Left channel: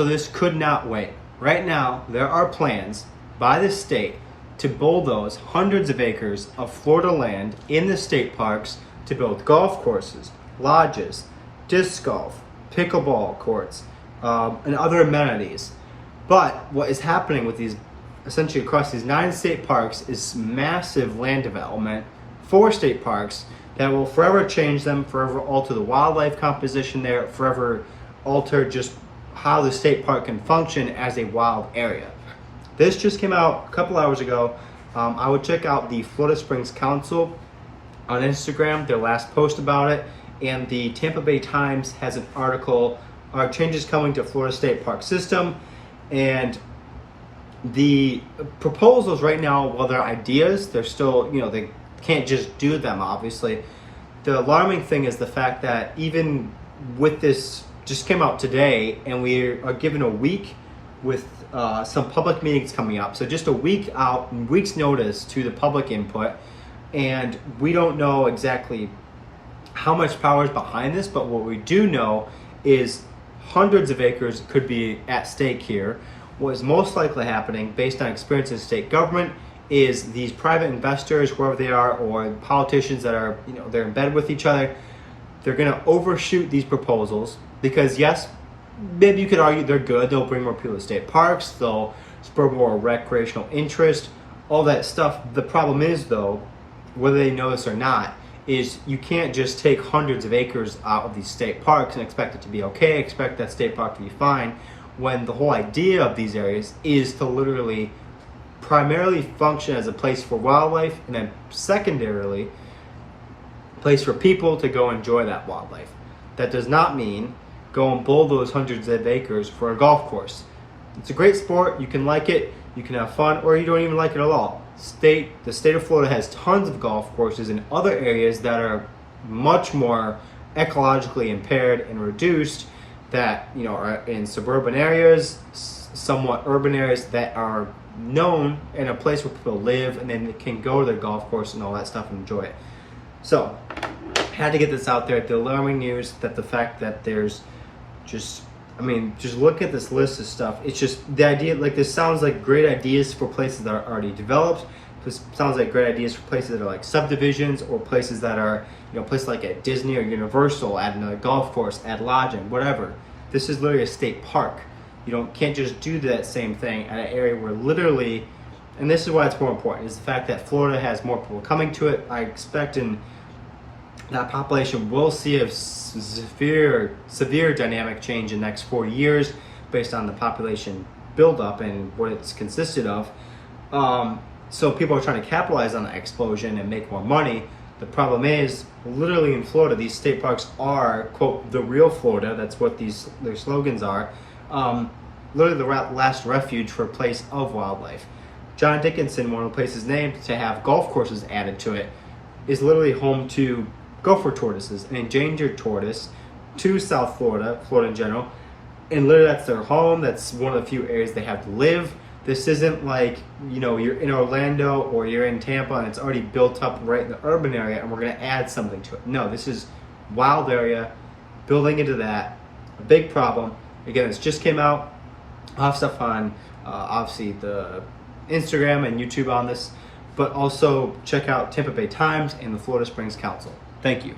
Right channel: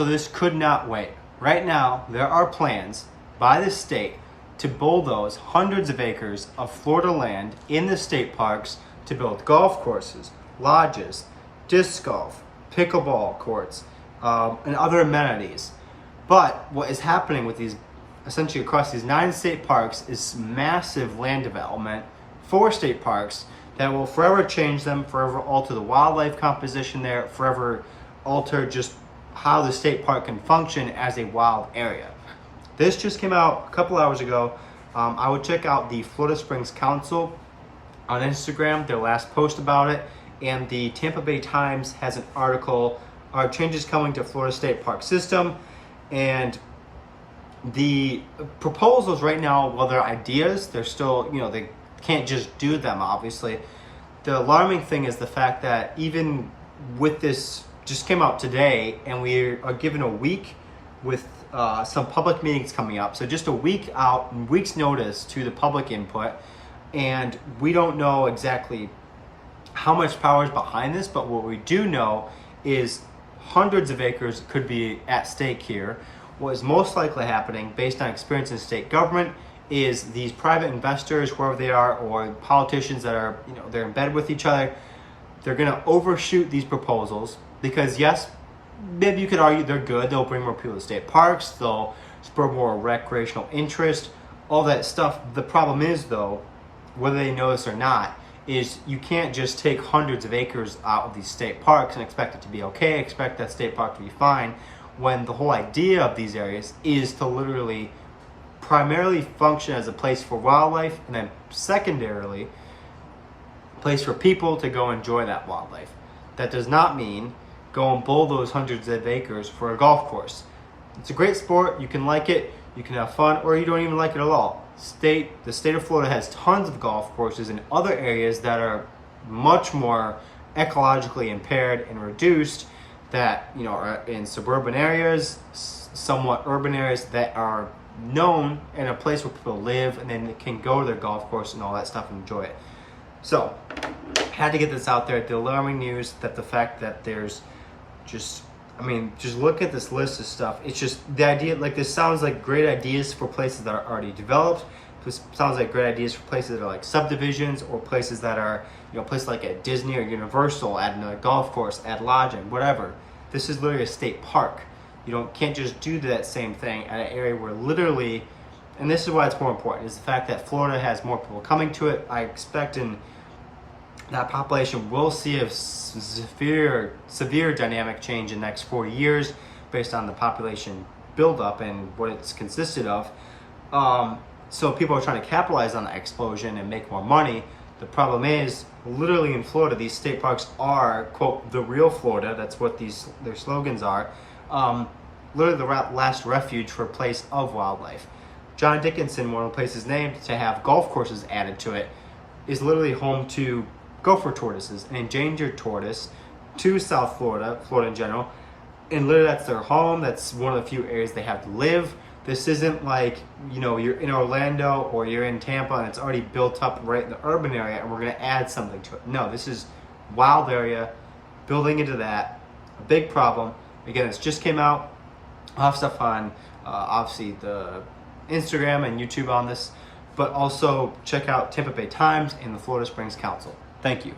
So this could not wait. Right now, there are plans by the state to bulldoze hundreds of acres of Florida land in the state parks to build golf courses, lodges, disc golf, pickleball courts, and other amenities. But what is happening with these, essentially across these 9 state parks, is massive land development for state parks that will forever change them, forever alter the wildlife composition there, forever alter just how the state park can function as a wild area. This just came out a couple hours ago. I would check out the Florida Springs Council on Instagram, their last post about it, and the Tampa Bay Times has an article, Are Changes Coming to Florida State Park System? And the proposals right now, while they're ideas, they're still, they can't just do them, obviously. The alarming thing is the fact that even with this, just came out today, and we are given a week with some public meetings coming up. So just a week's notice to the public input. And we don't know exactly how much power is behind this, but what we do know is hundreds of acres could be at stake here. What is most likely happening, based on experience in state government, is these private investors, wherever they are, or politicians that are, they're in bed with each other, they're gonna overshoot these proposals because yes, maybe you could argue they're good. They'll bring more people to state parks. They'll spur more recreational interest, all that stuff. The problem is though, whether they know this or not, is you can't just take hundreds of acres out of these state parks and expect it to be okay, expect that state park to be fine, when the whole idea of these areas is to literally primarily function as a place for wildlife, and then secondarily, a place for people to go enjoy that wildlife. That does not mean go and bulldoze hundreds of acres for a golf course. It's a great sport, you can like it, you can have fun, or you don't even like it at all. The state of Florida has tons of golf courses in other areas that are much more ecologically impaired and reduced, that are in suburban areas, somewhat urban areas that are known in a place where people live, and then they can go to their golf course and all that stuff and enjoy it. So, had to get this out there. The alarming news that the fact that there's just look at this list of stuff. It's just the idea, this sounds like great ideas for places that are already developed. This sounds like great ideas for places that are like subdivisions, or places that are, places like at Disney or Universal, adding a golf course, add lodging, whatever. This is literally a state park. You can't just do that same thing at an area where literally, and this is why it's more important, is the fact that Florida has more people coming to it. I expect that population will see a severe dynamic change in the next 4 years based on the population buildup and what it's consisted of. So people are trying to capitalize on that explosion and make more money. The problem is, literally in Florida, these state parks are, quote, the real Florida. That's what their slogans are. Literally the last refuge for a place of wildlife. Johnathan Dickinson, one of the places named to have golf courses added to it, is literally home to gopher tortoises, an endangered tortoise, to South Florida, Florida in general. And literally that's their home. That's one of the few areas they have to live. This isn't like, you're in Orlando or you're in Tampa and it's already built up right in the urban area and we're gonna add something to it. No, this is wild area, building into that, a big problem. Again, this just came out. I'll have stuff on, obviously, the Instagram and YouTube on this, but also check out Tampa Bay Times and the Florida Springs Council. Thank you.